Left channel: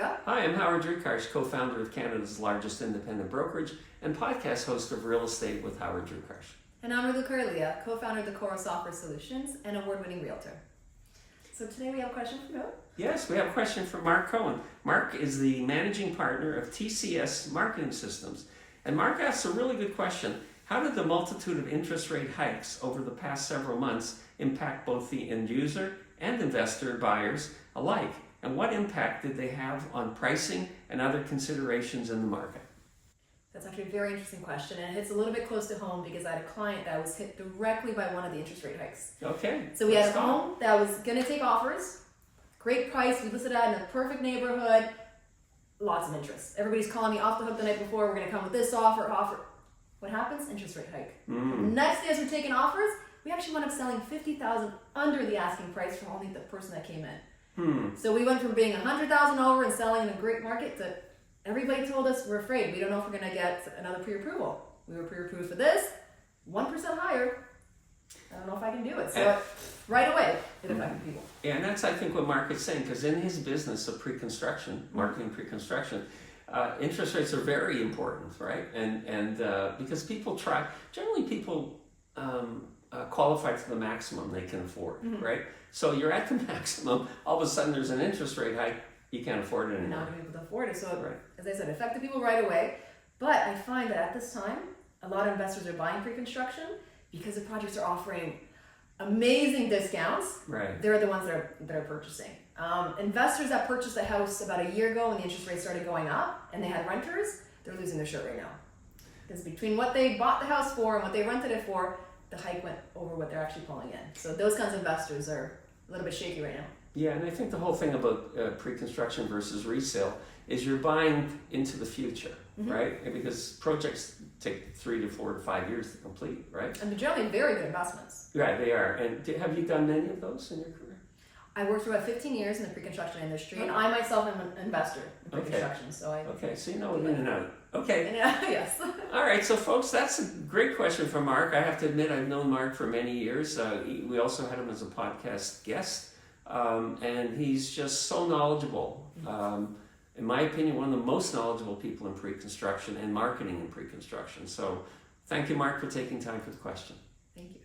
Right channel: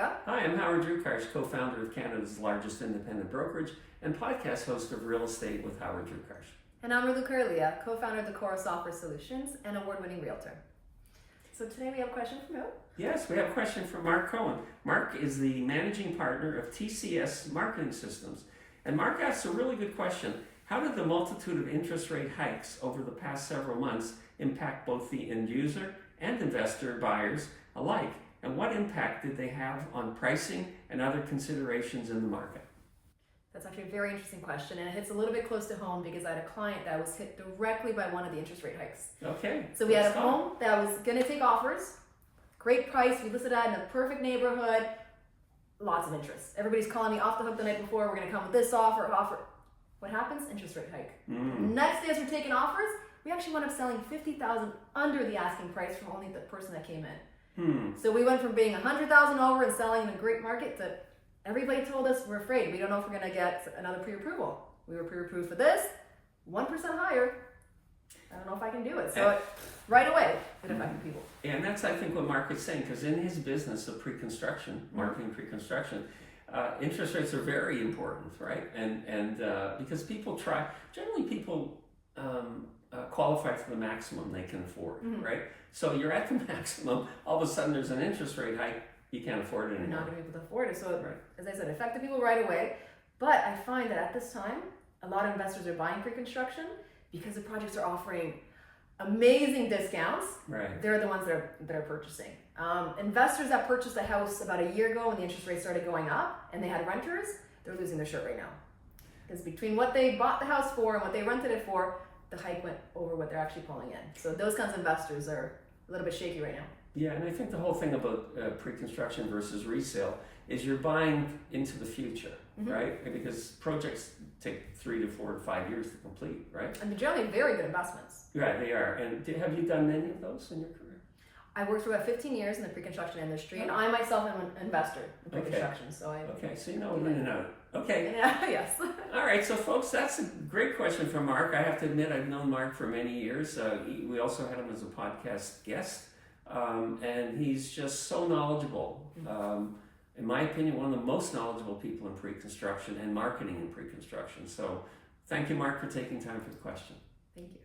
Raluca. Hi, I'm Howard Drukarsh, co-founder of Canada's largest independent brokerage and podcast host of Real Estate with Howard Drukarsh. And I'm Raluca, co-founder of the Cora Software Solutions and award-winning realtor. So today we have a question from who? Yes, we have a question from Mike Cohen. Mark is the managing partner of TCS Marketing Systems. And Mark asks a really good question. How did the multitude of interest rate hikes over the past several months impact both the end user and investor buyers alike? And what impact did they have on pricing and other considerations in the market? That's actually a very interesting question, and it hits a little bit close to home because I had a client that was hit directly by one of the interest rate hikes. Okay. So we had a home that was going to take offers, great price, we listed that in a perfect neighborhood, lots of interest. Everybody's calling me off the hook the night before, we're going to come with this offer. What happens? Interest rate hike. Next day as we're taking offers, we actually wound up selling $50,000 under the asking price from only the person that came in. So we went from being $100,000 over and selling in a great market to everybody told us we're afraid. We don't know if we're going to get another pre-approval. We were pre-approved for this, 1% higher. I don't know if I can do it. So right away, it affected people. Yeah, and that's I think what Mark is saying, because in his business of pre-construction, marketing pre-construction, interest rates are very important, right? And because people generally people qualify to the maximum they can afford, right? So you're at the maximum, all of a sudden there's an interest rate hike, you can't afford it anymore. You're not going to be able to afford it. So as I said, it affected people right away. But I find that at this time, a lot of investors are buying pre-construction because the projects are offering amazing discounts. Right. They're the ones that are purchasing. Investors that purchased a house about a year ago when the interest rates started going up and they had renters, they're losing their shirt right now. Because between what they bought the house for and what they rented it for, the hike went over what they're actually pulling in. So those kinds of investors are a little bit shaky right now. Yeah, and I think the whole thing about pre-construction versus resale is you're buying into the future, right? Because projects take 3 to 4 to 5 years to complete, right? And they're generally very good investments. Right, they are. And have you done many of those in your career? I worked for about 15 years in the pre-construction industry, and I myself am an investor in pre-construction. So so you know it in and out. Okay. Yes. All right, so folks, that's a great question from Mark. I have to admit, I've known Mark for many years. We also had him as a podcast guest, and he's just so knowledgeable. In my opinion, one of the most knowledgeable people in pre-construction and marketing in pre-construction. So thank you, Mark, for taking time for the question. Thank you.